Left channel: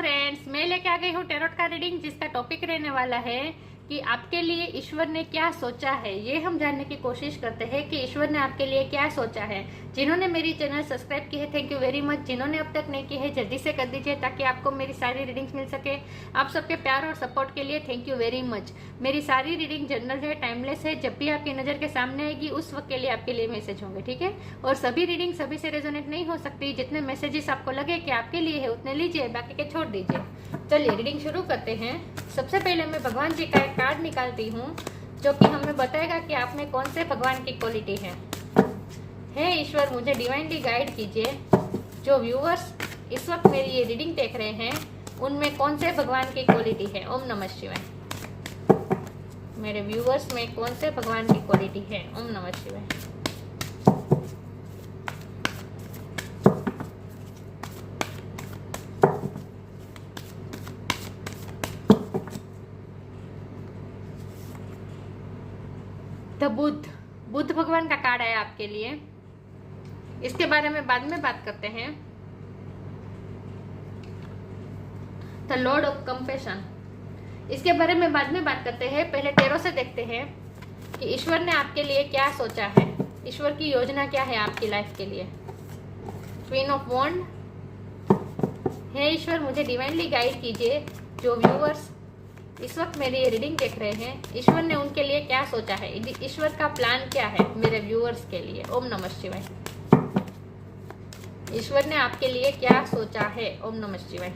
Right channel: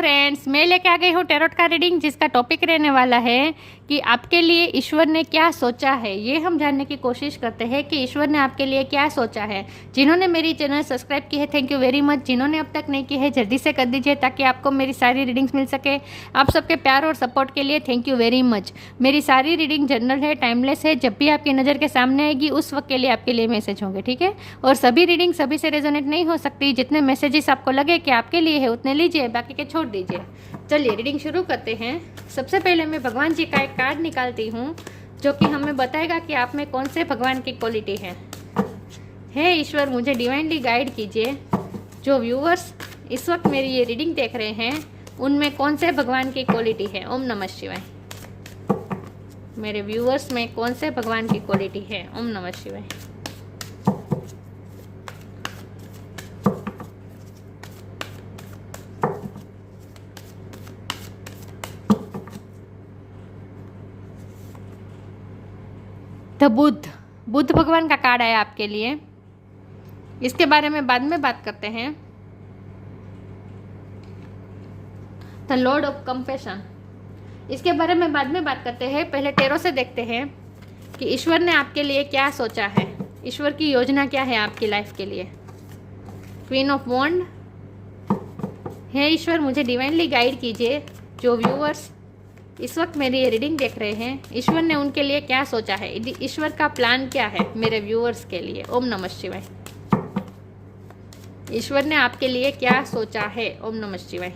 Friends, मैं लेके आ गई हूँ टैरोट का रीडिंग, जिसका टॉपिक रहने वाला है कि आपके लिए ईश्वर ने क्या सोचा है। ये हम जानने की कोशिश करते हैं कि ईश्वर ने आपके लिए क्या सोचा है। जिन्होंने मेरी चैनल सब्सक्राइब की है, थैंक यू वेरी मच। जिन्होंने अब तक नहीं की है, जल्दी से कर दीजिए ताकि आपको मेरी सारी रीडिंग्स मिल सके। आप सबके प्यार और सपोर्ट के लिए थैंक यू वेरी मच। मेरी सारी रीडिंग जनरल है, टाइमलेस है। जब भी आपकी नज़र के सामने आएगी उस वक्त के लिए आपके लिए मैसेज होंगे, ठीक है। और सभी रीडिंग सभी से रेजोनेट नहीं हो सकती। जितने मैसेजेस आपको लगे कि आपके लिए है उतने लीजिए, बाकी के छोड़ दीजिए। चलिए रीडिंग शुरू करते हैं। सबसे पहले मैं भगवान जी का एक कार्ड निकालती हूँ जो कि हमें बताएगा कि आप में कौन से भगवान की क्वालिटी है। हे ईश्वर, मुझे डिवाइनली गाइड कीजिए। जो व्यूअर्स इस वक्त मेरी ये रीडिंग देख रहे हैं उनमें कौन से भगवान की क्वालिटी है। ओम नमः शिवाय। मेरे व्यूअर्स में कौन से भगवान की क्वालिटी है। ओम नमः शिवाय। द बुद्ध भगवान का कार्ड आया आपके लिए। इसके बारे में बाद में बात करते हैं। द लॉर्ड ऑफ कंपैशन, इसके बारे में बाद में बात करते हैं। पहले टैरो से देखते हैं कि ईश्वर ने आपके लिए क्या सोचा है। ईश्वर की योजना क्या है आपकी लाइफ के लिए। क्वीन ऑफ वॉन्ड, हे ईश्वर, मुझे डिवाइनली गाइड कीजिए। जो व्यूअर्स इस वक्त मेरी ये रीडिंग देख रहे हैं, ईश्वर ने उनके लिए क्या सोचा है। ईश्वर का प्लान क्या है मेरे व्यूअर्स के लिए। ओम नमः शिवाय। ईश्वर ने आपके लिए क्या सोचा है। ओम नमः शिवाय।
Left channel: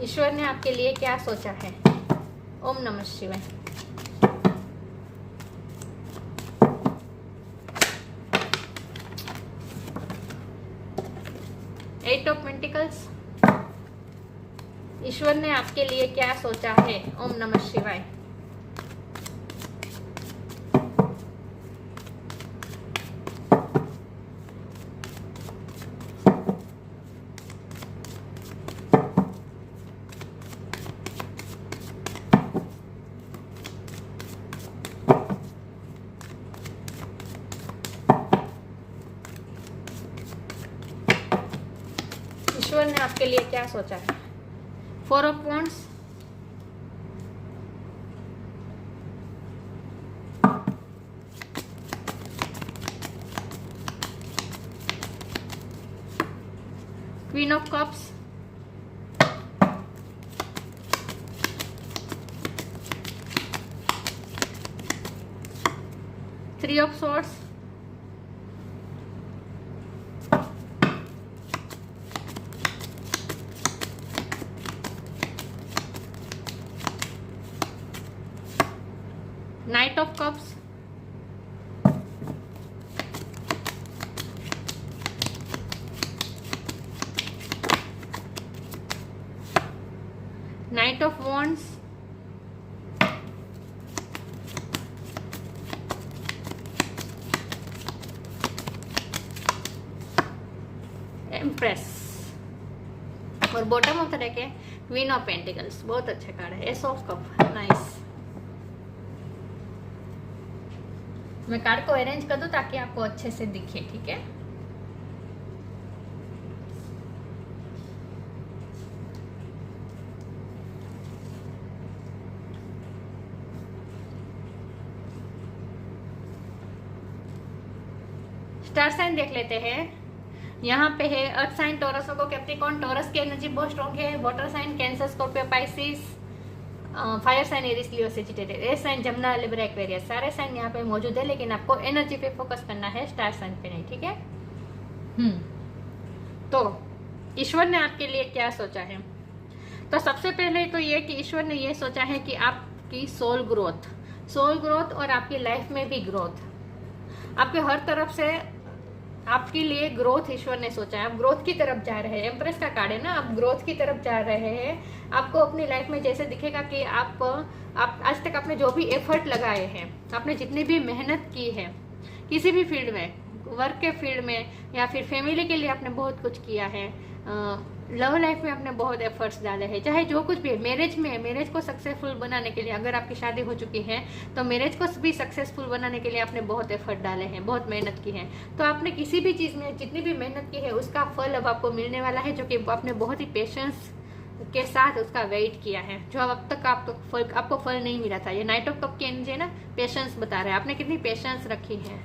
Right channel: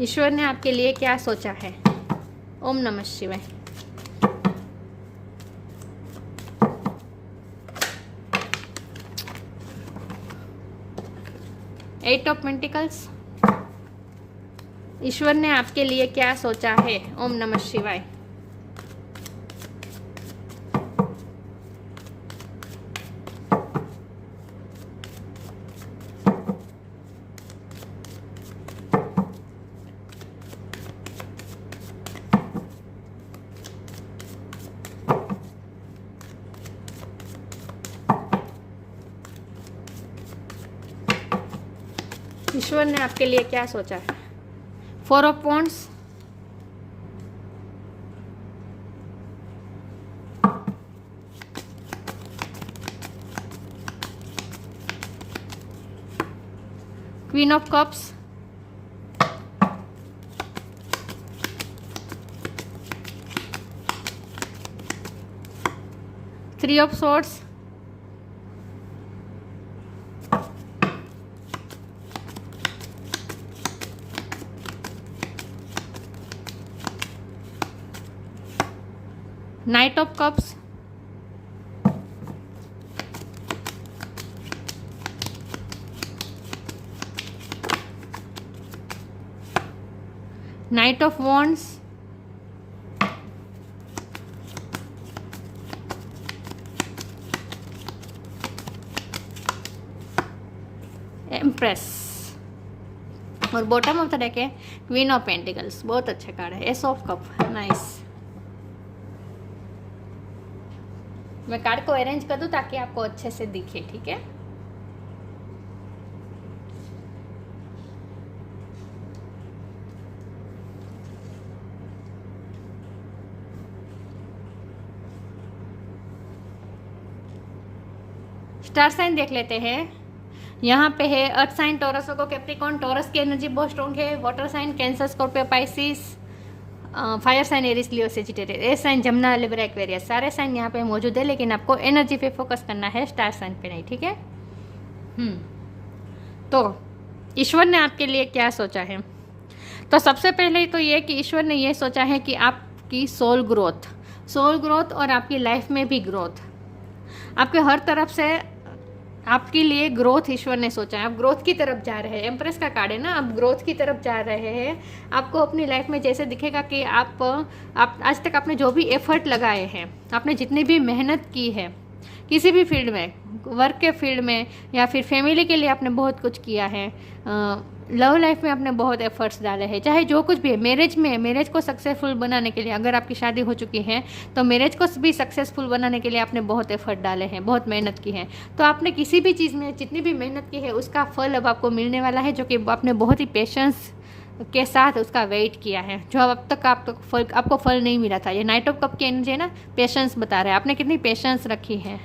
ईश्वर ने आपके लिए क्या सोचा है। ओम नमः शिवाय। एट ऑफ पेंटिकल्स, ईश्वर ने आपके लिए क्या सोचा है। ओम नमः शिवाय। ईश्वर ने आपके लिए क्या सोचा है। Four of wands, queen of cups, three of swords, night of cups, night of wands, empress, और बॉटम ऑफ द डेक है क्वीन ऑफ पेंटिकल्स। बहुत अच्छे कार्ड है। S of cup, nice. मैं कार्ड को अरेंज कर दूं ताकि आपको अच्छे से दिखे, ठीक है। स्टार साइन देख लेते हैं। यहाँ पे है अर्थ साइन टॉरस को कैप्रिकॉर्न। टॉरस की एनर्जी बहुत स्ट्रॉन्ग है। Water sign Cancer Scorpio Pisces. Fire sign Aries Leo Sagittarius. Air sign Gemini Libra Aquarius. सारे साइन यहाँ पे मौजूद है, लेकिन आपको एनर्जी पे फोकस करना है, स्टार साइन पे नहीं, ठीक है। तो ईश्वर ने आपके लिए क्या सोचा है। तो सबसे पहले तो ये कि ईश्वर ने ये सोचा है कि आपकी सोल ग्रोथ और आपकी लाइफ में भी ग्रोथ, आपके हर तरफ से आपके लिए ग्रोथ ईश्वर ने सोचा है। आप ग्रोथ की तरफ जा रहे हैं। एम्प्रेस का कार्ड है ना, आप ग्रोथ की तरफ जा रहे हैं। आपको अपनी लाइफ में जैसे दिखेगा कि आप आज तक आपने जो भी एफर्ट लगाए हैं, आपने जितनी भी मेहनत की है, किसी भी फील्ड में, वर्क के फील्ड में या फिर फैमिली के लिए आपने बहुत कुछ किया है, लव लाइफ में आपने बहुत एफर्ट्स डाले हैं, चाहे जो कुछ भी है। मैरिज में, मैरिज को सक्सेसफुल बनाने के लिए, अगर आपकी शादी हो चुकी है तो मैरिज को भी सक्सेसफुल बनाने के लिए आपने बहुत एफर्ट डाले हैं, बहुत मेहनत की है। तो आपने किसी भी चीज़ में जितनी भी मेहनत की है उसका फल अब आपको मिलने वाला है, जो कि आपने बहुत ही पेशेंस के साथ उसका वेट किया है, जो अब तक आपको फल नहीं मिला था। ये नाइट ऑफ कप की एनर्जी है ना, पेशेंस बता रहा है, आपने कितनी पेशेंस रखी है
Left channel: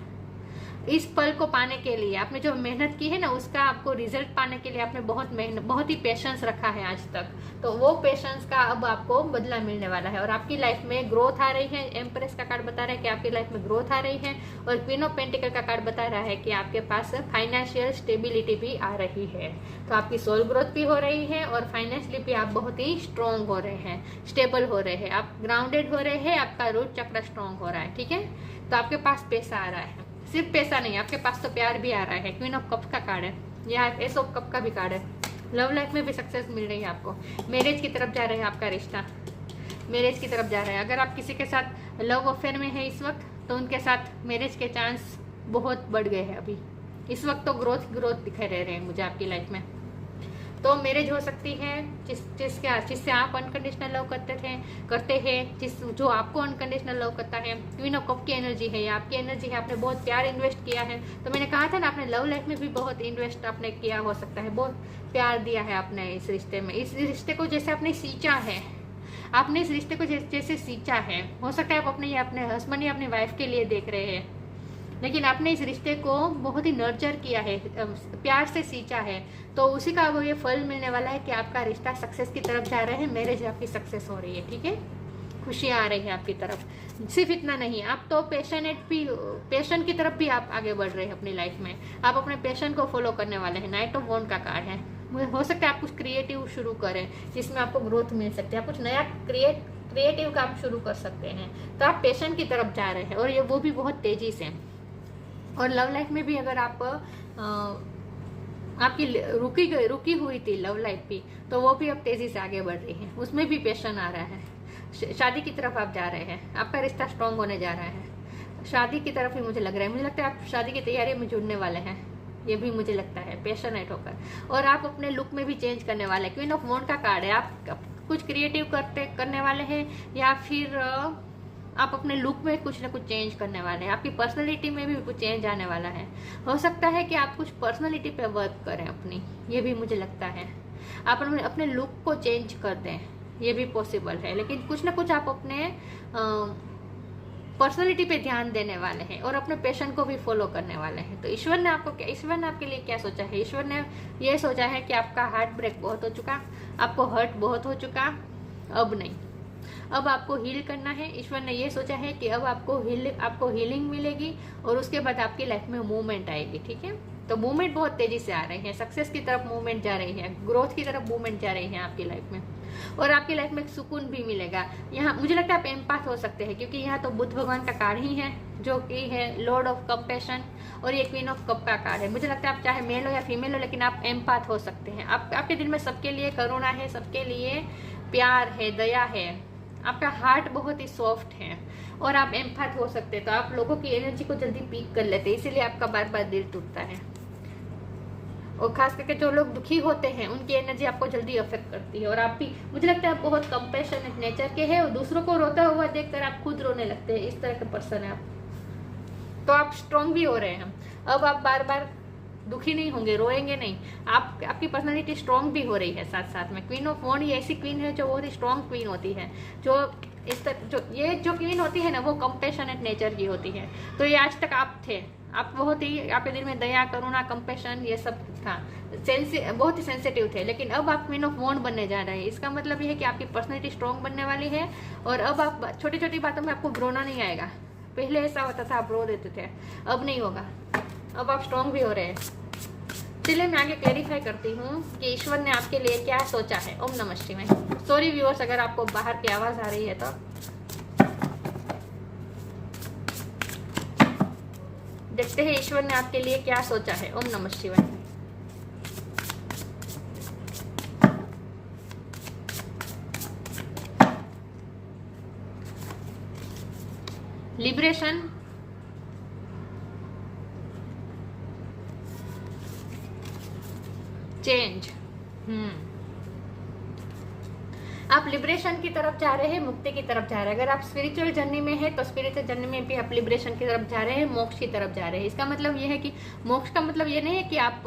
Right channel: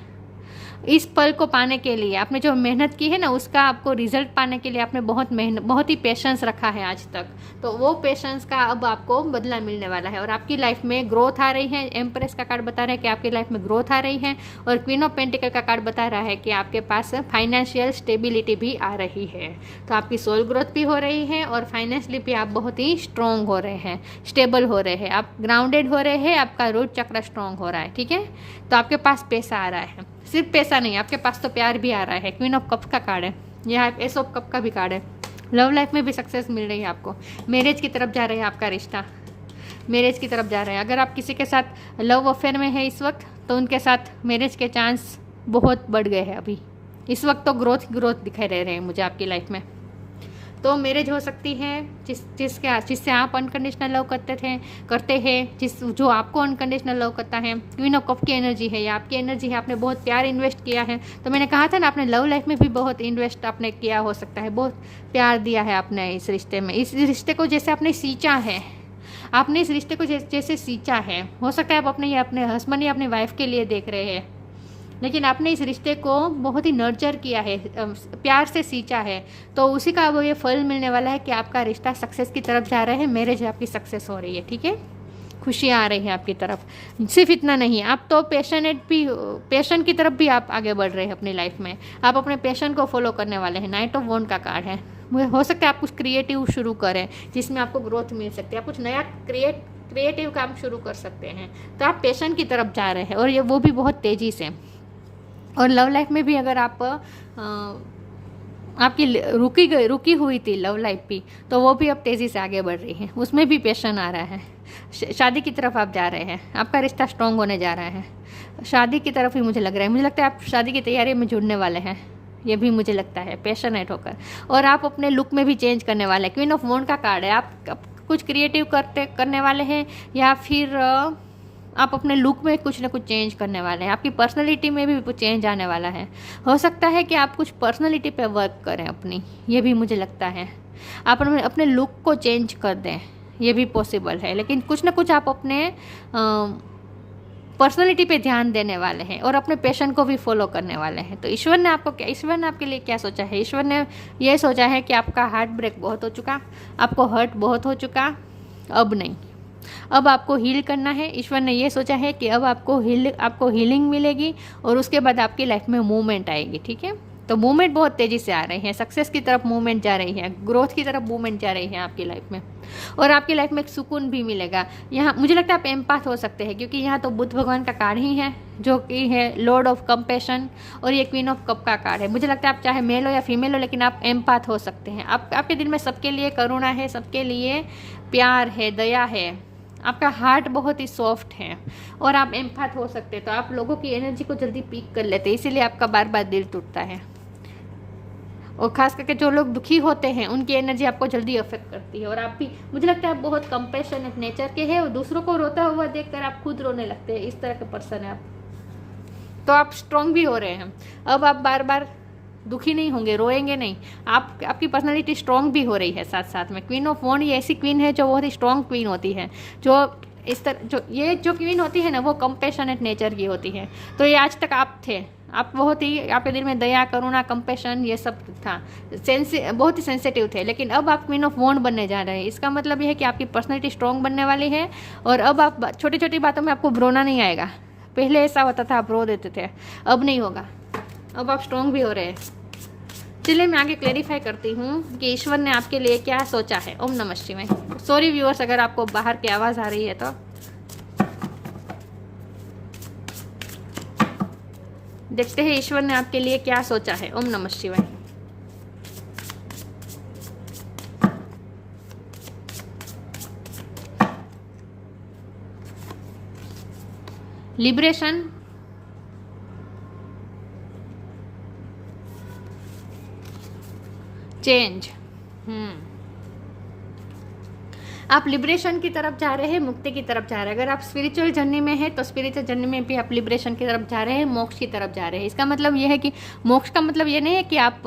इस पल को पाने के लिए। आपने जो मेहनत की है ना, उसका आपको रिजल्ट पाने के लिए आपने बहुत ही पेशेंस रखा है आज तक। तो वो पेशेंस का अब आपको बदला मिलने वाला है और आपकी लाइफ में ग्रोथ आ रही है। एम्प्रेस का कार्ड बता रहा है कि आपकी लाइफ में ग्रोथ आ रही है और क्वीन ऑफ पेंटिकल का कार्ड बता रहा है कि आपके पास फाइनेंशियल स्टेबिलिटी भी आ रही है। तो आपकी सोल ग्रोथ भी हो रही है और फाइनेंशियली भी आप बहुत ही स्ट्रांग हो रहे हैं, स्टेबल हो रहे हैं, आप ग्राउंडेड हो रहे हैं, आपका रूट चक्र स्ट्रांग हो रहा है। ठीक है, तो आपके पास पैसा आ रहा है, सिर्फ पैसा नहीं, आपके पास तो प्यार भी आ रहा है। क्वीन ऑफ कप का कार्ड है, यहाँ एस ऑफ कप का भी कार्ड है। लव लाइफ में भी सक्सेस मिल रही है आपको, मैरिज की तरफ जा रहे हैं, आपका रिश्ता मैरिज की तरफ जा रहा है। अगर आप किसी के साथ लव अफेयर में है इस वक्त, तो उनके साथ मैरिज के चांस बहुत बढ़ गए हैं अभी इस वक्त। तो ग्रोथ दिखाई दे रहे हैं मुझे आपकी लाइफ में। तो मैरिज हो सकती है जिससे आप अनकंडीशनल लव करते हैं, जो आपको अनकंडीशनल लव करता है। क्वीन ऑफ कप की एनर्जी है, या आपकी एनर्जी है, आपने बहुत प्यार इन्वेस्ट किया है। तो मैंने कहा था ना, आपने लव लाइफ में भी बहुत इन्वेस्ट आपने किया हो सकता है, बहुत प्यार दिया है आपने इस रिश्ते में। इस रिश्ते को जैसे आपने सींचा है, आपने इस रिश्ते को जैसे सींचा है। हो सकता है आप अपने हस्बैंड या अपनी वाइफ के लिए देख रहे हैं, लेकिन आपने इस रिश्ते को बहुत ही नर्चर किया है, प्यार से सींचा है। तो उसी का वो ये फल मिलने वाला है कि आपका रिश्ता सक्सेस की तरफ जा रहा है, मैरिज आपकी सक्सेस हो रही है। ठीक है, खुशियाँ आ रही हैं आपकी तरफ। सिर्फ इतना नहीं, आप तो पैशन की तरफ भी आप आगे बढ़ रहे हैं अपनी लाइफ में। आप अपने पैशन को फॉलो करने वाले हैं। नाइट ऑफ वॉन्ड का कार्ड है, हो सकता है आप कुछ क्रिएटिव शुरू करें जिसमें आपको ग्रोथ मिल सकती है। आप कुछ नया क्रिएटिव काम शुरू कर सकते हैं। तो आप पैशन की तरफ जा रहे हैं और ये वो भी बहुत तेज़ी से। और लव लाइफ में भी अगर आपकी रुकी हुई थी लव लाइफ भी, तो वो भी अब तेज़ी से आगे बढ़ रही है, उसमें भी पैशन आ रहा है। शादी की तरफ आप जा रहे हैं, आपका रिश्ता स्ट्रांग होने जा रहा है। शादी की तरफ ही मुझे लग रहा है, मुझे लगता है आप शादी की तैयारी में जुड़ने वाले हैं, ये भी मुझे लगता है, पैशनेट होकर। और आप अपने लुक में भी चेंज करने वाले हैं। क्वीन ऑफ वॉन्ड का कार्ड है, आप कुछ क्रिएटिव करने वाले हैं या फिर आप अपने लुक में कुछ ना कुछ चेंज करने वाले हैं। आपकी पर्सनैलिटी में भी कुछ चेंज आने वाला है। हो सकता है कि आप कुछ पर्सनैलिटी पे वर्क करें अपनी, ये भी मुझे लगता है। आप अपने लुक को चेंज कर दें, ये भी पॉसिबल है। लेकिन कुछ ना कुछ आप अपने पर्सनैलिटी पे ध्यान देने वाले हैं और अपने पैशन को भी फॉलो करने वाले हैं। तो ईश्वर ने आपके लिए क्या सोचा है? ईश्वर ने ये सोचा है कि आपका हार्ट ब्रेक बहुत हो चुका, आपको हर्ट बहुत हो चुका, अब नहीं, अब आपको हील करना है। ईश्वर ने ये सोचा है कि अब आपको हीलिंग मिलेगी और उसके बाद आपकी लाइफ में मूवमेंट आएगी। ठीक है, तो मूवमेंट बहुत तेज़ी से आ रही है, सक्सेस की तरफ मूवमेंट जा रही है, ग्रोथ की तरफ मूवमेंट जा रही है आपकी लाइफ में। और आपकी लाइफ में एक सुकून भी मिलेगा। यहाँ मुझे लगता है आप एम्पाथ हो सकते हैं, क्योंकि यहाँ तो बुद्ध भगवान का कार्ड ही है, जो कि है लॉर्ड ऑफ कंपैशन, और ये क्वीन ऑफ कप का कार्ड है। मुझे लगता है आप चाहे मेल हो या फीमेल हो, लेकिन आप एम्पाथ हो सकते हैं। आपके दिल में सबके लिए करुणा है, सबके लिए प्यार है, दया है, आपका हार्ट बहुत ही सॉफ्ट है और आप एम्पाथ हो सकते हैं। तो आप लोगों की एनर्जी को जल्दी पीक कर लेते हैं, इसीलिए आपका बार बार दिल टूटता है। और खास करके जो लोग दुखी होते हैं, उनकी एनर्जी आपको जल्दी अफेक्ट करती है। और आप भी, मुझे लगता है आप बहुत कंपैशनेट नेचर के हैं और दूसरों को रोता हुआ देखकर आप खुद रोने लगते हैं, इस तरह के पर्सन है आप। तो आप स्ट्रांग भी हो रहे हैं, अब आप बार बार दुखी नहीं होंगे, रोएंगे नहीं। आपकी पर्सनालिटी स्ट्रांग भी हो रही है साथ साथ में। क्वीन ऑफ वॉन्ड ये ऐसी क्वीन है जो बहुत ही स्ट्रांग क्वीन होती है, जो इस तरह जो क्वीन होती है ना, वो कंपैशनेट नेचर की होती है। तो ये आज तक आप थे, आप बहुत ही, आपके दिल में दया, करुणा, कंपैशन ये सब था, बहुत ही सेंसिटिव थे। लेकिन अब आप क्वीन ऑफ वॉन्ड बनने जा रहे हैं। इसका मतलब ये है कि आपकी पर्सनैलिटी स्ट्रांग बनने वाली है और अब आप छोटी छोटी बातों में आपको रोना नहीं आएगा। पहले ऐसा होता था, आप रो देते थे, अब नहीं होगा, अब आप स्ट्रांग भी हो रहे हैं। चलिए मैं आगे क्लैरिफाई करती हूँ कि ईश्वर ने आपके लिए क्या सोचा है। ओम नमः शिवाय। सॉरी व्यूअर्स, अगर आपको बाहर की आवाज़ आ रही है तो। देखते हैं ईश्वर ने आपके लिए क्या सोचा है। ओम नमः शिवाय। Liberation, change. आप लिबरेशन की तरफ जा रहे हैं, मुक्ति की तरफ जा रहे हैं। अगर आप स्पिरिचुअल जर्नी में हैं तो स्पिरिचुअल जर्नी में भी आप लिबरेशन की तरफ जा रहे हैं, मोक्ष की तरफ जा रहे हैं। इसका मतलब यह है कि मोक्ष का मतलब ये नहीं है कि आप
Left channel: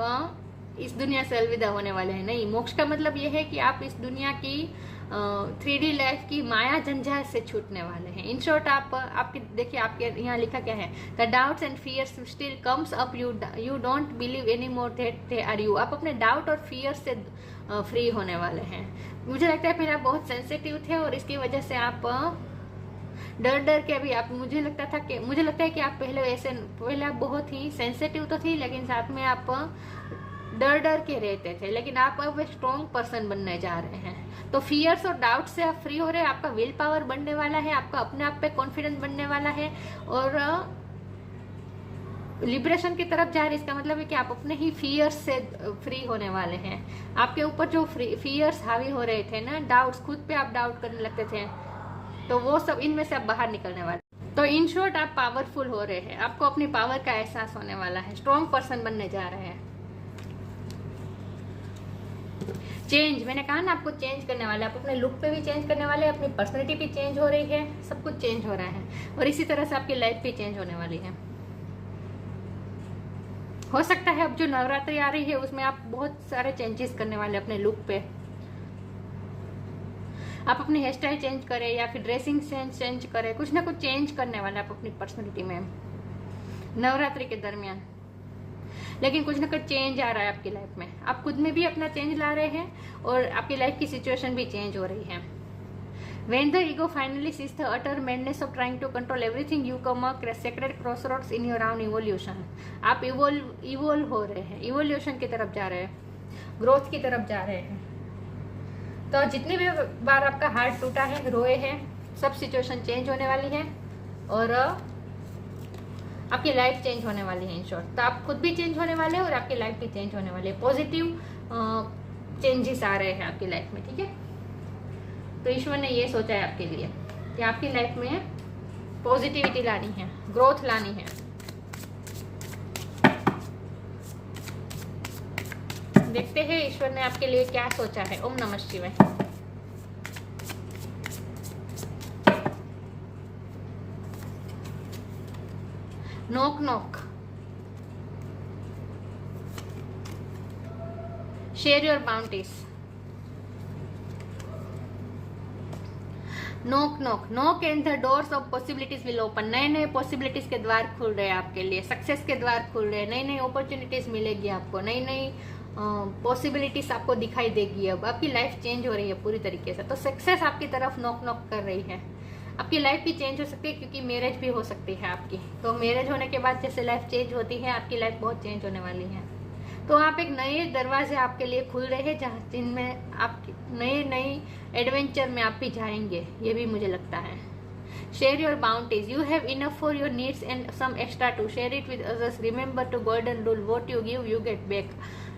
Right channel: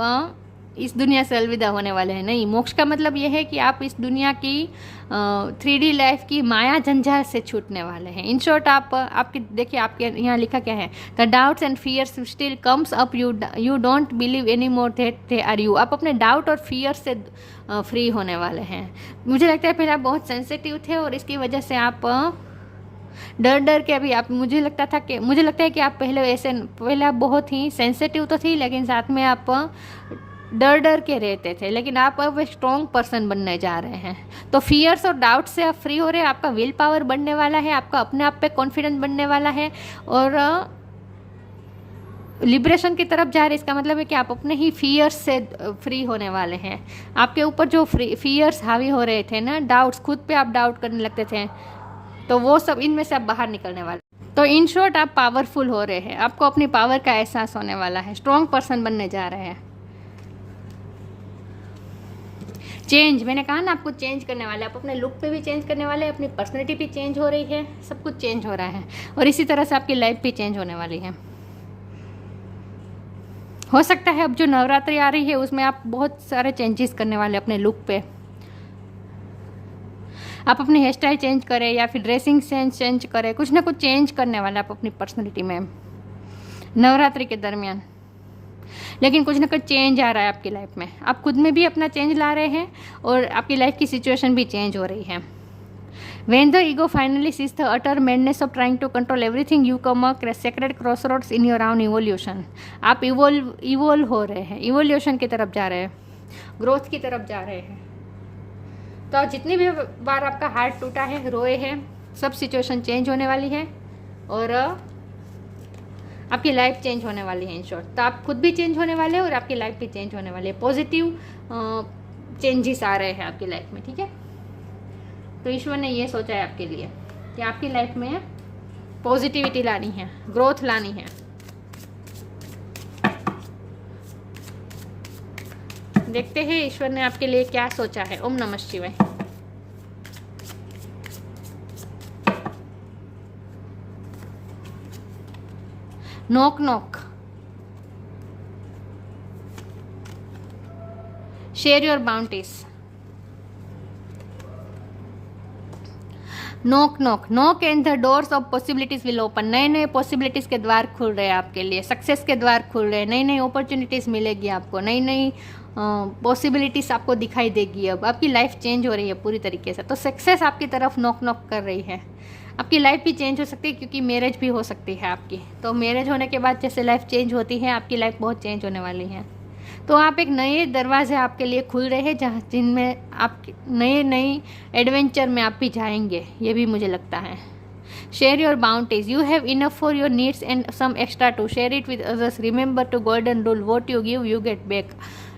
इस दुनिया से अलविदा होने वाले हैं, नहीं। मोक्ष का मतलब यह है कि आप इस दुनिया की 3D लाइफ की माया जंजाल से छूटने वाले हैं। इन शॉर्ट आपकी देखिए, आपके यहाँ लिखा क्या है, the doubts and fears still comes up, you don't believe any more that they are you. आप अपने डाउट और फियर से फ्री होने वाले हैं। मुझे लगता है पहले आप बहुत सेंसिटिव थे और इसकी वजह से आप डर के अभी आप मुझे लगता है कि आप पहले आप बहुत ही सेंसिटिव तो थी, लेकिन साथ में आप डर के रहते थे। लेकिन आप अब एक स्ट्रॉन्ग पर्सन बनने जा रहे हैं। तो फियर्स और डाउट से आप फ्री हो रहे हैं। आपका विल पावर बढ़ने वाला है, आपका अपने आप पे कॉन्फिडेंस बढ़ने वाला है और लिबरेशन की तरफ जा रहे हैं। इसका मतलब है कि आप अपने ही फियर्स से फ्री होने वाले हैं। आपके ऊपर जो फियर्स हावी हो रहे थे ना, डाउट्स, खुद पे आप डाउट करने लगते थे, तो वो सब इनमें से आप बाहर निकलने वाले। तो इन शॉर्ट आप पावरफुल हो रहे हैं, आपको अपनी पावर का एहसास होने वाला है, स्ट्रॉन्ग पर्सन बनने जा रहे हैं। चेंज, मैंने कहा ना आपको चेंज करने वाले, आप अपने लुक पे भी चेंज करने वाले, अपनी पर्सनैलिटी भी चेंज हो रही है, सब कुछ चेंज हो रहा है और इसी तरह से आपकी लाइफ भी चेंज होने वाली है। हो सकता है अब जो नवरात्रि आ रही है उसमें आप बहुत सारे चेंजेस करने वाले अपने लुक पे। आप अपनी हेयर स्टाइल चेंज करें या फिर ड्रेसिंग सेंस चेंज करें, कुछ ना कुछ चेंज करने वाले आप अपनी पर्सनैलिटी में नवरात्रि के दरमियान। लेकिन कुछ ना कुछ चेंज आ रहा है आपकी लाइफ में, आप खुद में भी अपना चेंज ला रहे हैं और आपकी लाइफ की सिचुएशन भी चेंज हो रही है। When the ego finally sees the utter madness of trying to control everything, you come a sacred crossroads in your own evolution. आप इवोल्व हो रहे हैं, इवोल्यूशन की तरफ जा रहे हैं, ग्रोथ की तरफ जा रहे हैं। तो जितनी भी बार आपका हार्ट टूटा है, रोए हैं, सब सिचुएशन चेंज होने वाली है और आपकी लाइफ चेंज होने वाली है। इन शॉर्ट, तो आप खुद भी चेंज होने वाले हैं और आपकी लाइफ भी चेंज होने वाली है। पॉजिटिव चेंजेस आ रहे हैं आपकी लाइफ में, ठीक है। तो ईश्वर ने ये सोचा है आपके लिए कि आपकी लाइफ में पॉजिटिविटी लानी है, ग्रोथ लानी है। देखते हैं ईश्वर ने आपके लिए क्या सोचा है। ओम नमः शिवाय। Knock knock, share your bounties. Knock knock knock and the doors of possibilities will open. नए नए पॉसिबिलिटीज के द्वार खुल रहे हैं आपके लिए, सक्सेस के द्वार खुल रहे हैं, नई नई अपॉर्चुनिटीज मिलेगी आपको, नई नई पॉसिबिलिटीज आपको दिखाई देगी। अब आपकी लाइफ चेंज हो रही है पूरी तरीके से। तो सक्सेस आपकी तरफ नॉक नॉक कर रही है। आपकी लाइफ भी चेंज हो सकती है क्योंकि मैरिज भी हो सकती है आपकी। तो मैरिज होने के बाद जैसे लाइफ चेंज होती है, आपकी लाइफ बहुत चेंज होने वाली है। तो आप एक नए दरवाजे आपके लिए खुल रहे हैं जहाँ जिनमें आप नए एडवेंचर में आप भी जाएंगे, ये भी मुझे लगता है। Share your bounties, you have enough for your needs and some extra to share it with others. Remember to golden rule, what you give you get back.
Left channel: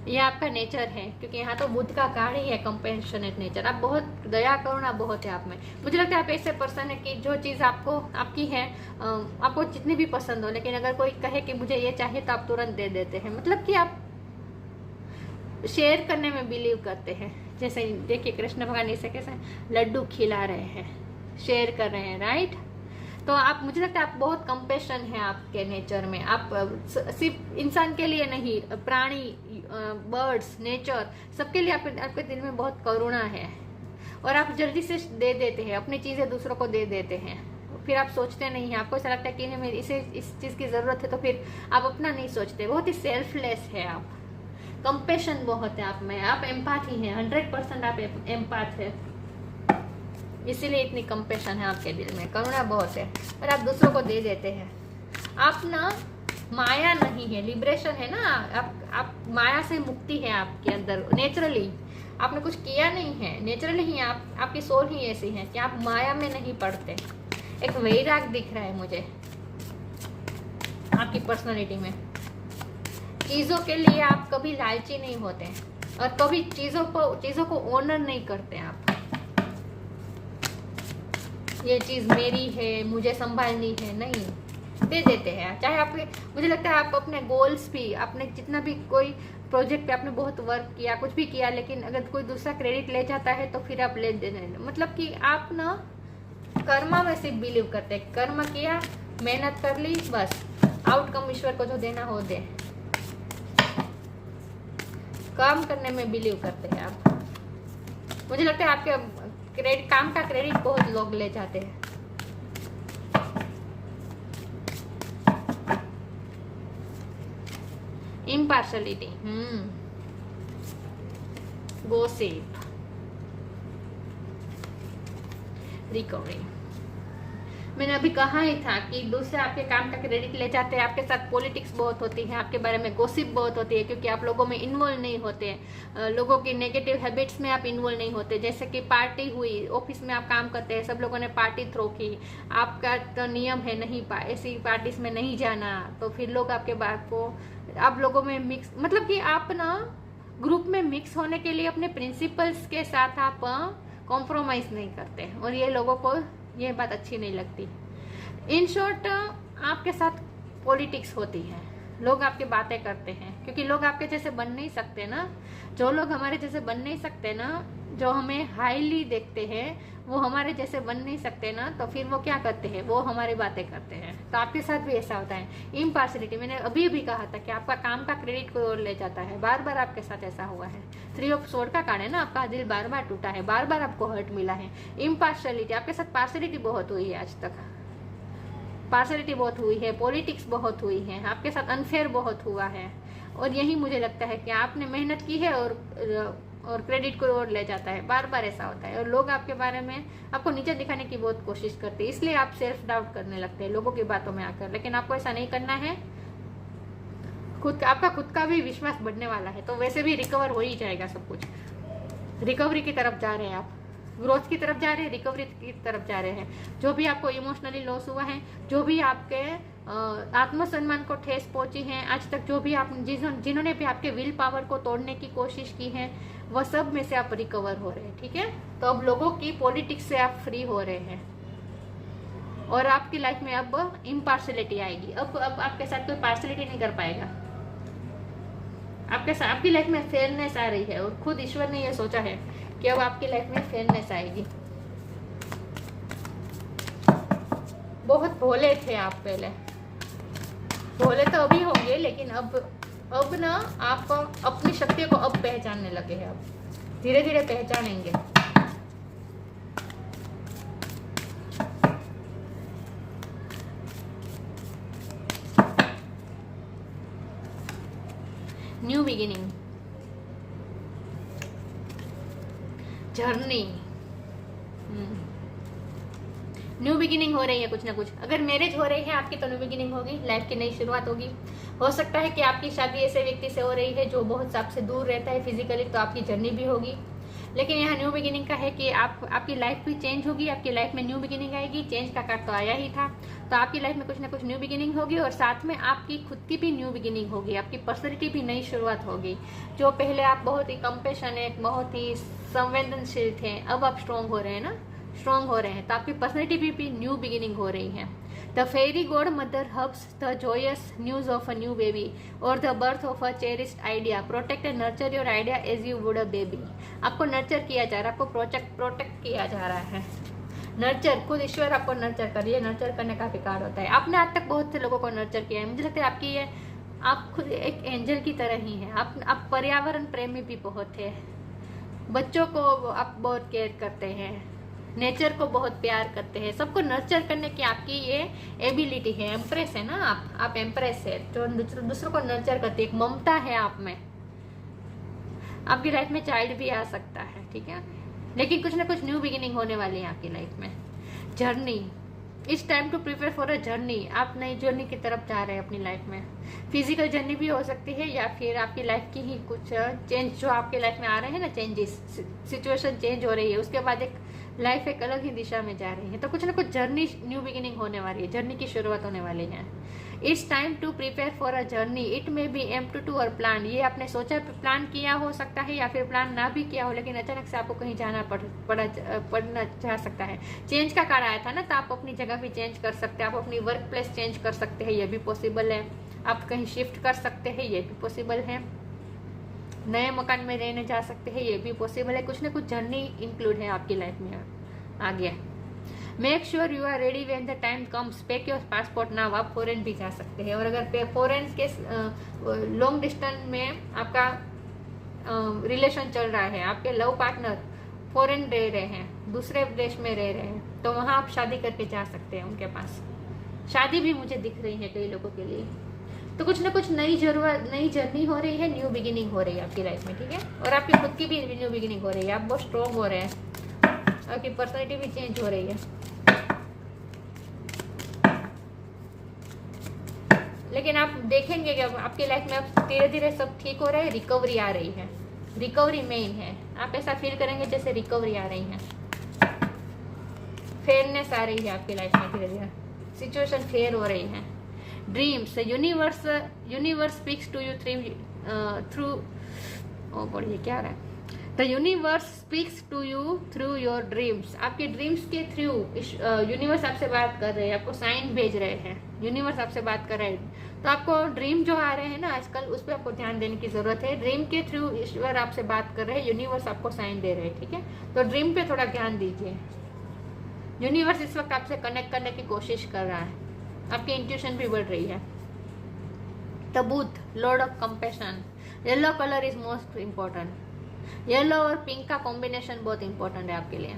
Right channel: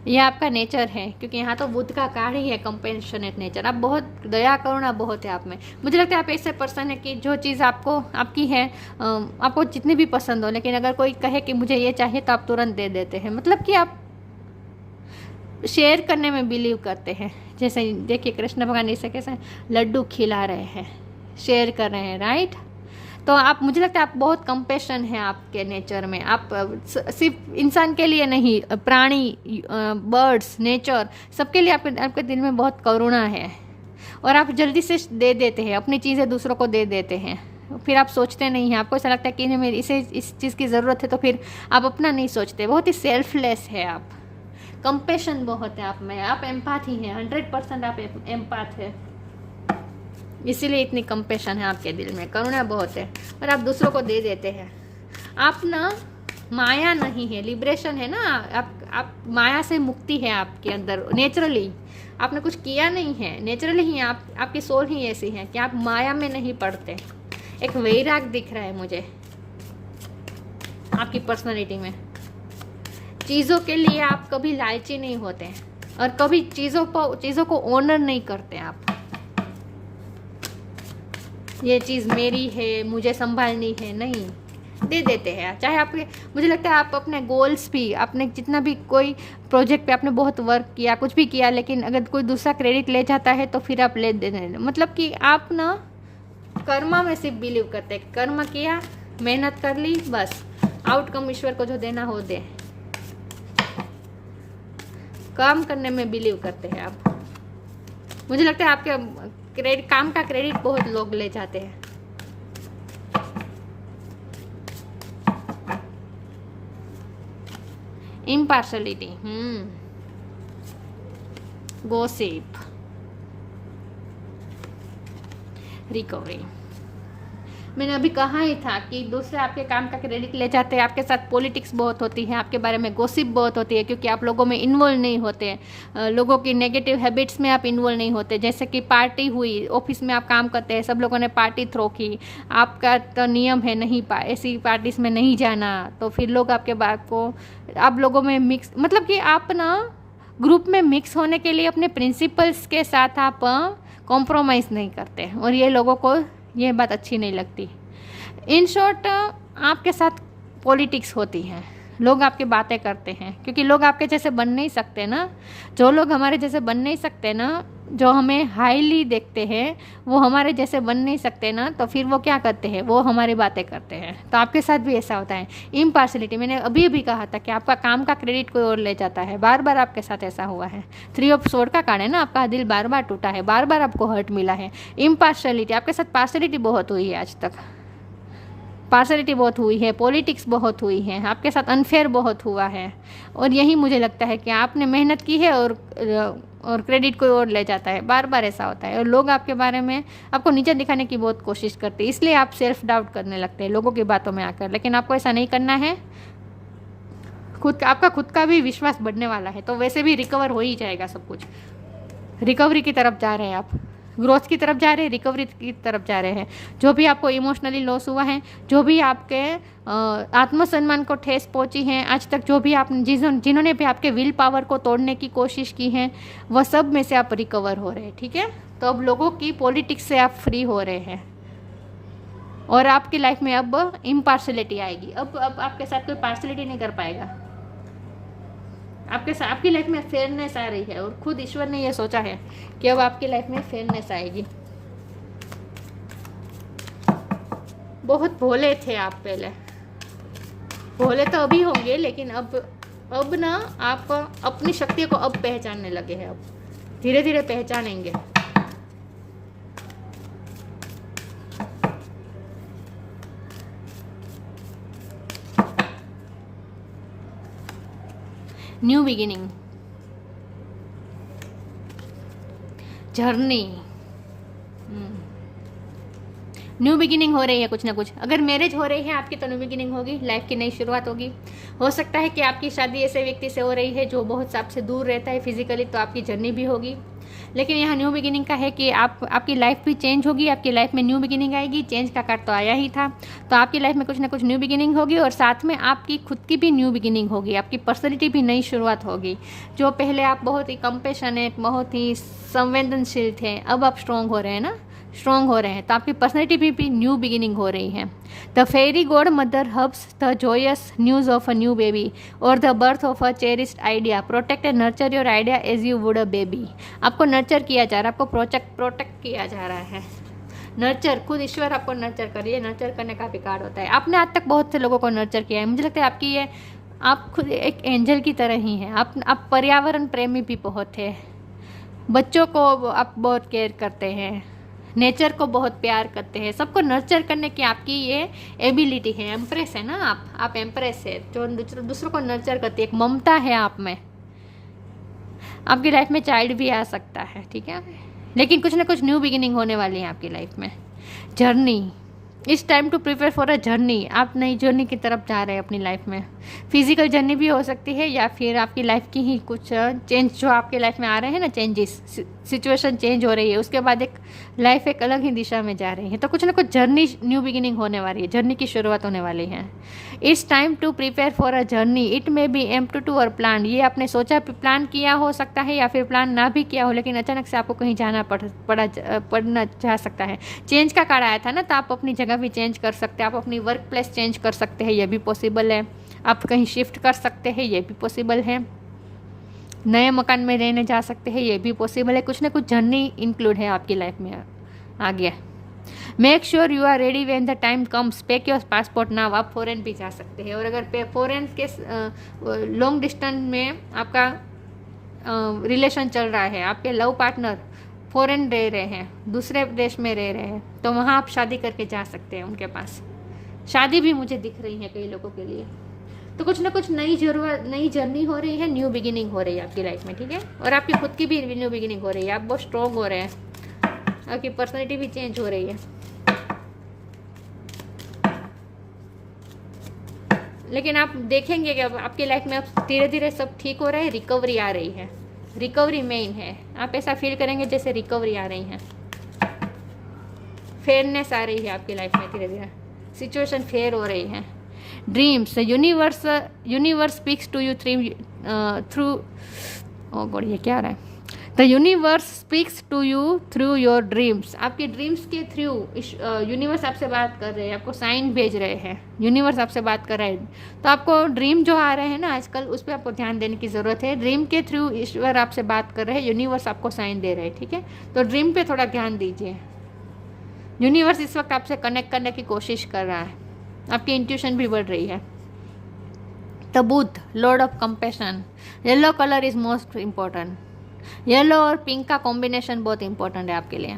यह आपका नेचर है क्योंकि यहाँ तो बुद्ध का कार्ड ही है, कंपेशनेट नेचर। आप बहुत दया करुणा बहुत है आप में। मुझे लगता है आप ऐसे पर्सन है कि जो चीज़ आपकी है, आपको जितनी भी पसंद हो, लेकिन अगर कोई कहे कि मुझे ये चाहिए तो आप तुरंत दे देते हैं। मतलब कि आप शेयर करने में बिलीव करते हैं। जैसे देखिए कृष्ण भगवान इसे कैसे लड्डू खिला रहे हैं, शेयर कर रहे हैं, राइट। तो आप, मुझे लगता है आप बहुत कंपेशन है आपके नेचर में। आप सिर्फ इंसान के लिए नहीं, प्राणी, बर्ड्स, नेचर, सबके लिए आपके दिल में बहुत करुणा है और आप जल्दी से दे देते हैं, अपनी चीज़ें दूसरों को दे देते हैं। फिर आप सोचते नहीं हैं, आपको ऐसा लगता है कि मेरी इस चीज़ की ज़रूरत है, तो फिर आप अपना नहीं सोचते। बहुत ही सेल्फलेस है आप, कंपेशन बहुत है आप में, आप एम्पैथ ही हैं, 100% आप एम्पैथ है, इसीलिए इतनी कंपेशन है आपके दिल में, करुणा बहुत है और आप दूसरों को दे देते हैं। आप ना माया नहीं है, लिबरेशन है ना, आप माया से मुक्ति है आपके अंदर नेचुरली। आपने कुछ किया नहीं है, नेचुरली ही आपकी सोल ही ऐसी है कि आप माया में नहीं पड़ते। एक वैराग दिख रहा है मुझे आपकी पर्सनालिटी में। चीज़ों के लिए आप कभी लालची नहीं होते और कभी चीज़ों को ऑनर नहीं करते आप। ये चीज़ मेरी है, मुझे संभालनी है, नहीं। दे देते हैं। चाहे आपके, मुझे लगता है आप अपने गोल्स भी, आपने जितना भी कोई प्रोजेक्ट पे आपने बहुत वर्क किया, कुछ भी किया, लेकिन अगर कोई दूसरा क्रेडिट ले जाता है तो फिर आप ले देते, मतलब कि आप ना कर्मा में सिर्फ बिलीव करते हैं। कर्म किया, मेहनत कर ली, बस आउटकम ईश्वर को जो देना हो दे। काम करने में बिलीव करते हैं आप। मुझे लगता है आपके काम का क्रेडिट बहुत लोग ले जाते हैं। Impartiality, gossip, recovery. मैंने अभी कहा ही था कि दूसरे आपके काम का क्रेडिट ले जाते हैं। आपके साथ पॉलिटिक्स बहुत होती है, आपके बारे में गॉसिप बहुत होती है, क्योंकि आप लोगों में इन्वॉल्व नहीं होते, लोगों की नेगेटिव हैबिट्स में आप इन्वॉल्व नहीं होते। जैसे कि पार्टी हुई, ऑफिस में आप काम करते हैं, सब लोगों ने पार्टी थ्रो की, आपका तो नियम है नहीं ऐसी पार्टीज में नहीं जाना, तो फिर लोग आपके बात को, आप लोगों में मिक्स, मतलब कि आप ना ग्रुप में मिक्स होने के लिए अपने प्रिंसिपल्स के साथ आप कॉम्प्रोमाइज़ नहीं करते, और ये लोगों को ये बात अच्छी नहीं लगती। इन शॉर्ट, आपके साथ पॉलिटिक्स होती है, लोग आपकी बातें करते हैं, क्योंकि लोग आपके जैसे बन नहीं सकते ना। जो लोग हमारे जैसे बन नहीं सकते ना, जो हमें हाईली देखते हैं, वो हमारे जैसे बन नहीं सकते ना, तो फिर वो क्या करते हैं, वो हमारी बातें करते हैं। तो आपके साथ भी ऐसा होता है। इम्पार्शलिटी, मैंने अभी भी कहा था कि आपका काम का क्रेडिट कोई और ले जाता है। बार बार आपके साथ ऐसा हुआ है। 3 ऑफ स्वॉर्ड का कार्ड है ना, आपका दिल बार बार टूटा है, बार बार आपको हर्ट मिला है। इम्पार्शलिटी, आपके साथ पार्शलिटी बहुत हुई है आज तक, पार्शलिटी बहुत हुई है, पॉलिटिक्स बहुत हुई है, आपके साथ अनफेयर बहुत हुआ है। और यही मुझे लगता है कि आपने मेहनत की है और क्रेडिट कोई और ले जाता है। बार बार ऐसा होता है, और लोग आपके बारे में आपको नीचे दिखाने की बहुत कोशिश करते हैं, इसलिए आप सेल्फ डाउट करने लगते हैं लोगों की बातों में आकर। लेकिन आपको ऐसा नहीं करना है। आपका खुद का भी विश्वास बढ़ने वाला है, तो वैसे भी रिकवर हो ही जाएगा सब कुछ। रिकवरी की तरफ जा रहे हैं आप, ग्रोथ की तरफ जा रहे हैं, रिकवरी की तरफ जा रहे हैं। जो भी आपको इमोशनली लॉस हुआ है, जो भी आपके आत्मसम्मान को ठेस पहुंची है आज तक, जो भी आप जिन्होंने भी आपके विल पावर को तोड़ने की कोशिश की है, वह सब में से आप रिकवर हो रहे हैं। ठीक है, तो अब लोगों की पॉलिटिक्स से आप फ्री हो रहे हैं, और आपकी लाइफ में अब इम्पार्शलिटी आएगी। अब आपके साथ कोई पार्शलिटी नहीं कर पाएगा। आपकी लाइफ में फेयरनेस आ रही है, और खुद ईश्वर ने यह सोचा है कि अब आपकी लाइफ में फेयरनेस आएगी। बहुत भोले थे आप पहले, भोले तो अभी होंगे, लेकिन अब ना आप अपनी शक्तियों को अब पहचानने लगे हैं। अब धीरे धीरे पहचानेंगे। New beginning, journey, new beginning हो रही है कुछ ना कुछ। अगर मैरिज हो रही है आपकी, तो न्यू बिगिनिंग होगी, लाइफ की नई शुरुआत होगी। हो सकता है कि आपकी शादी ऐसे व्यक्ति से हो रही है जो बहुत आपसे दूर रहता है फिजिकली, तो आपकी जर्नी भी होगी। लेकिन यहाँ न्यू बिगिनिंग का है कि आपकी लाइफ भी चेंज होगी, आपकी लाइफ में न्यू बिगिनिंग आएगी। चेंज का कार्ड तो आया ही था, तो आपकी लाइफ में कुछ ना कुछ न्यू बिगिनिंग होगी, और साथ में आपकी खुद की भी न्यू बिगिनिंग होगी, आपकी पर्सनैलिटी भी नई शुरुआत होगी। जो पहले आप बहुत ही कंपैशनेट, बहुत ही संवेदनशील थे, अब आप स्ट्रॉन्ग हो रहे हैं ना, स्ट्रॉन्ग हो रहे हैं, तो आपकी पर्सनैलिटी भी न्यू बिगिनिंग हो रही है। The fairy godmother hubs the joyous news of a new baby और the birth of a cherished idea. Protect and nurture your idea as you would a baby. आपको nurture किया जा रहा है, आपको प्रोटेक्ट किया जा रहा है। नर्चर, खुद ईश्वर आपको नर्चर करिए, नर्चर करने का भी कार्ड होता है। आपने आज तक बहुत से लोगों को नर्चर किया है, मुझे लगता है आपकी ये, आप खुद एक एंजल की तरह ही हैं। आप पर्यावरण प्रेमी भी बहुत है, बच्चों को आप बहुत केयर करते हैं, नेचर को बहुत प्यार करते हैं, सबको नर्चर करने की आपकी ये एबिलिटी है। एम्प्रेस है ना आप एम्प्रेस है, जो दूसरों को नर्चर करती है, एक ममता है आप में। आपकी लाइफ में चाइल्ड भी आ सकता है, ठीक है, लेकिन कुछ ना कुछ न्यू बिगिनिंग होने वाली है आपकी लाइफ में। Journey, it's time to prepare for a journey. आप नई जर्नी की तरफ जा रहे हैं अपनी लाइफ में। फिजिकल जर्नी भी हो सकती है, या फिर आपकी लाइफ की ही कुछ चेंज जो आपके लाइफ में आ रहे हैं ना, चेंजेस, सिचुएशन चेंज हो रही है, उसके बाद एक लाइफ एक अलग ही दिशा में जा रही है। तो कुछ ना कुछ जर्नी, न्यू बिगिनिंग होने वाली है, जर्नी की शुरुआत होने वाली है। It's time to prepare for a journey, it may be aim to और प्लान। ये आपने सोचा प्लान किया हो सकता है या फिर प्लान ना भी किया हो, लेकिन अचानक से आपको कहीं जाना पड़ना जा सकता है। चेंज का कार्ड आया था ना, तो आप अपनी जगह भी चेंज कर सकते हैं, आप अपनी वर्क प्लेस चेंज कर सकते हैं, ये भी पॉसिबल है। आप कहीं शिफ्ट कर सकते हैं, ये भी पॉसिबल है। नए मकान में रहने जा सकते हैं, ये भी पॉसिबल है। कुछ ना कुछ जर्नी इंक्लूड है आपकी लाइफ में आ गया। Make sure you are ready when the time comes, pack your passport now. आप फॉरेन भी जा सकते हैं, और अगर फॉरेन के लॉन्ग डिस्टेंस में आपका रिलेशन चल रहा है, आपके लव पार्टनर फॉरेन रह रहे हैं, दूसरे देश में रह रहे हैं, तो वहाँ आप शादी करके जा सकते हैं उनके पास। शादी भी मुझे दिख रही है कई लोगों के लिए। तो कुछ ना कुछ नई जर्नी हो रही है, न्यू बिगिनिंग हो रही है आपकी लाइफ में, ठीक है। और आपकी खुद की भी न्यू बिगिनिंग हो रही है, आप बहुत स्ट्रॉन्ग हो रहे हैं, आपकी पर्सनैलिटी भी चेंज हो रही है। लेकिन आप देखेंगे कि आपकी लाइफ में अब धीरे धीरे सब ठीक हो रहा है, रिकवरी आ रही है, रिकवरी मेन है। आप ऐसा फील करेंगे जैसे रिकवरी आ रही है, फेयरनेस आ रही है आपकी लाइफ में, धीरे धीरे सिचुएशन फेयर हो रही है। Dreams, universe speaks to you through O God, ये क्या रहा है? The universe speaks to you through your dreams. आपके ड्रीम्स के थ्रू यूनिवर्स आपसे बात कर रहे हैं, आपको साइन भेज रहे हैं, यूनिवर्स आपसे बात कर रहे हैं। तो आपको ड्रीम जो आ रहे हैं ना आजकल, उस पर आपको ध्यान देने की ज़रूरत है। ड्रीम के थ्रू ईश्वर आपसे बात कर रहे हैं, यूनिवर्स आपको साइन दे रहे हैं, ठीक है। तो ड्रीम पे थोड़ा ध्यान दीजिए। यूनिवर्स इस वक्त आपसे कनेक्ट करने की कोशिश कर रहा है, आपकी इंट्यूशन भी बढ़ रही है। The Buddha, lord of compassion, yellow colour is most important. Yellow और पिंक का कॉम्बिनेशन बहुत इंपॉर्टेंट है आपके लिए।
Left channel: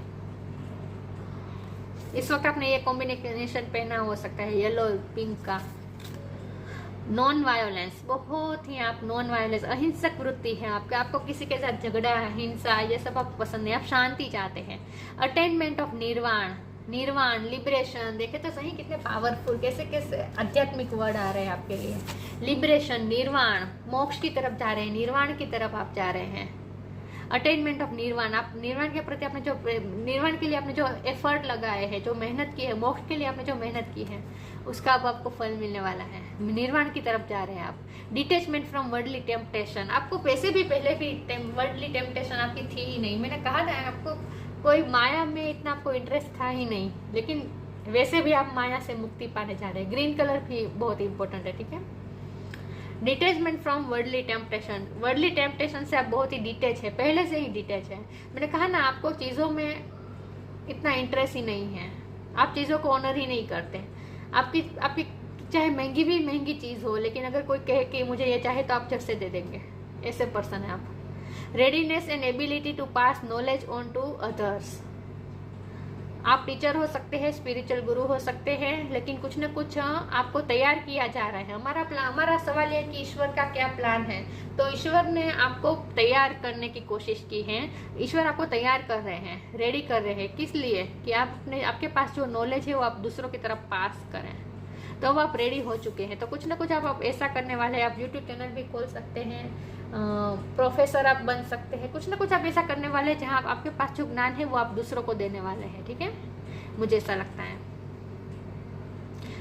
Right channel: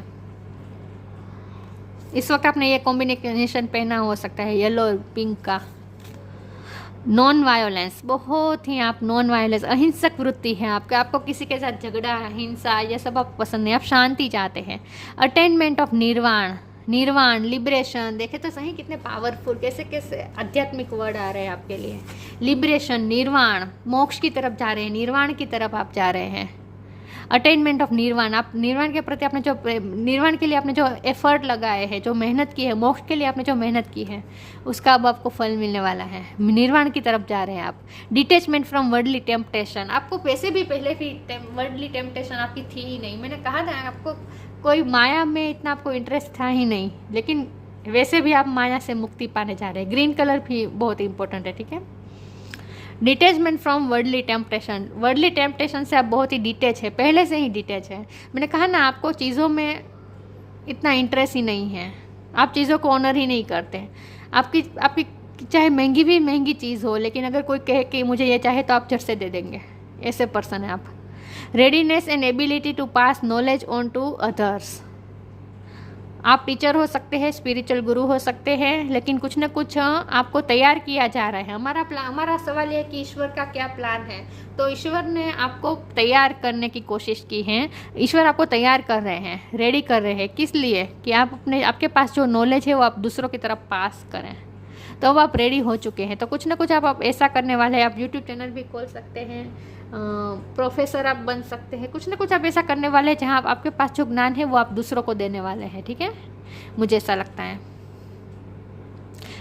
इस वक्त आपने ये कॉम्बिनेशन पहना हो सकता है, येलो और पिंक का। नॉन वायोलेंस, बहुत ही आप नॉन वायोलेंस, अहिंसक वृत्ति है आपके, आपको किसी के साथ झगड़ा, हिंसा, ये सब आपको पसंद नहीं, आप शांति चाहते हैं। अटेनमेंट ऑफ निर्वाण, लिबरेशन, देखे तो सही कितने पावरफुल, कैसे कैसे आध्यात्मिक वर्ड आ रहे हैं आपके लिए। लिबरेशन, निर्वाण, मोक्ष की तरफ जा रहे हैं, निर्वाण की तरफ आप जा रहे हैं। अटेनमेंट ऑफ निर्वाण, आप निर्वाण के प्रति आपने जो निर्वाण के लिए आपने जो एफर्ट लगाए हैं, जो मेहनत की है, मोक्ष के लिए आपने जो मेहनत की है, उसका अब आपको फल मिलने वाला है। निर्वाण की तरफ जा रहे हैं आप। डिटेचमेंट फ्रॉम वर्ल्डली टेम्पटेशन, आपको वैसे भी पहले भी वर्ल्डली टेम्पटेशन आपकी थी ही नहीं। मैंने कहा था आपको कोई माया में इतना आपको इंटरेस्ट था ही नहीं, लेकिन वैसे भी आप माया से मुक्ति पाने जा रहे हैं। ग्रीन कलर भी बहुत इंपॉर्टेंट है, ठीक है। डिटेचमेंट फ्रॉम वर्ल्डली टेम्पटेशन से आप बहुत ही डिटेच है, पहले से ही डिटेच है। मैंने कहा ना आपको चीज़ों में इतना इंटरेस्ट ही नहीं है, आप चीज़ों को ऑनर ही नहीं करते। आपकी चाहे महंगी चीज़ हो, लेकिन अगर कोई कहे कि मुझे ये चाहे तो आप झट से दे देंगे, ऐसे पर्सन है आप। Readiness and ability to pass knowledge on to others, आप टीचर हो सकते हैं, स्पिरिचुअल गुरु हो सकते हैं, लेकिन कुछ ना कुछ आपको तैयार किया जा रहा है। हमारा सवाल है कि ईश्वर का क्या प्लान है। तो ईश्वर ने आपको तैयार करने की कोशिश की है, ईश्वर आपको तैयार कर रहे हैं, रेडी कर रहे हैं। किस लिए? कि आप आपके पास जो नॉलेज है वो आप दूसरों की तरफ पास करें, तो अब आप रेडी हो चुके हैं। तो कुछ ना कुछ आप ऐसा करने वाले हैं। आप यूट्यूब चैनल भी खोल सकते हैं, प्रोफेसर आप बन सकते हैं, कुछ ना कुछ आप ऐसा करने वाले हैं जहाँ आपके पास जो ज्ञान है वो आप दूसरों को देने वाले हैं, ठीक है। मुझे ऐसा लगता है।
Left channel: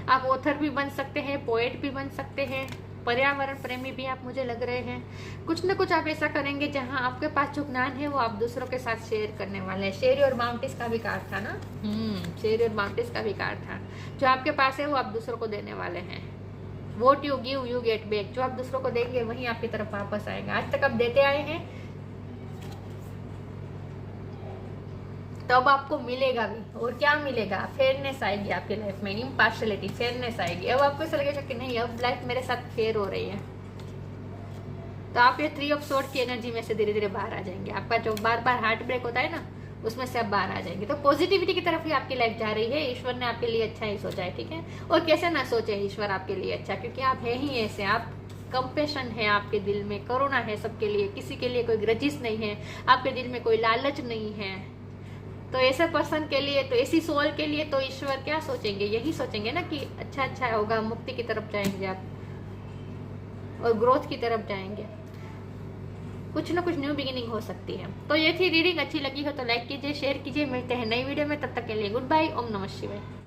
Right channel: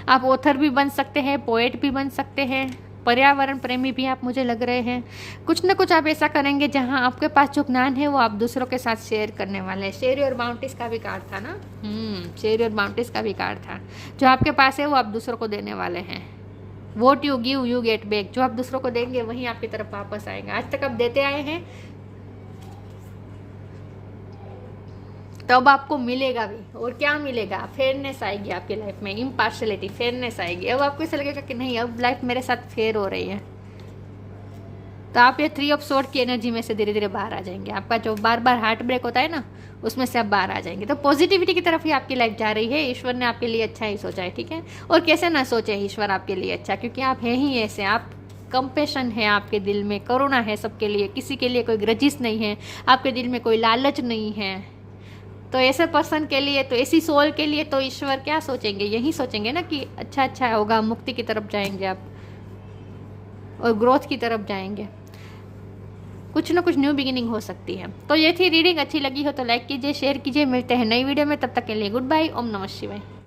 आप ऑथर भी बन सकते हैं, पोएट भी बन सकते हैं, पर्यावरण प्रेमी भी आप मुझे लग रहे हैं। कुछ ना कुछ आप ऐसा करेंगे जहाँ आपके पास जो ज्ञान है वो आप दूसरों के साथ शेयर करने वाले हैं। शेयर योर बाउंड्रीज का भी कार्ड था ना, शेयर योर बाउंड्रीज का भी कार्ड था। जो आपके पास है वो आप दूसरों को देने वाले हैं। What you give you get back, जो आप दूसरों को देंगे वही आपकी तरफ वापस आएगा। आज तक आप देते आए हैं तो अब आपको मिलेगा भी। और क्या मिलेगा? फेयरनेस आएगी आपकी लाइफ में, इम्पार्शलिटी, फेयरनेस आएगी। अब आपको ऐसा लगेगा कि नहीं, अब लाइफ मेरे साथ फेयर हो रही है। तो आप ये 3 ऑफ स्वॉर्ड की एनर्जी में से धीरे धीरे बाहर आ जाएंगे। आपका जो बार बार हार्ट ब्रेक होता है ना, उसमें से आप बाहर आ जाएंगे। तो पॉजिटिविटी की तरफ ही आपकी लाइफ जा रही है। ईश्वर ने आपके लिए अच्छा ही सोचा है, ठीक है। और कैसे ना सोचे ईश्वर आपके लिए अच्छा, क्योंकि आप हैं ही ऐसे। आप कंपैशन है आपके दिल में, करुणा है सबके लिए, किसी के लिए कोई ग्रजिस नहीं है, आपके दिल में कोई लालच नहीं है। तो ऐसे पर्सन के लिए, तो ऐसी सोल के लिए तो ईश्वर क्या सोचेंगे? यही सोचेंगे ना कि अच्छा होगा, मुक्ति की तरफ जाएंगे आप और ग्रोथ की तरफ जाएंगे। कुछ ना कुछ न्यू बिगिनिंग हो सकती है। तो ये थी रीडिंग। अच्छी लगी हो तो लाइक कीजिए, शेयर कीजिए। मिलते हैं नई वीडियो में, तब तक के लिए गुड बाय। ओम नमः शिवाय।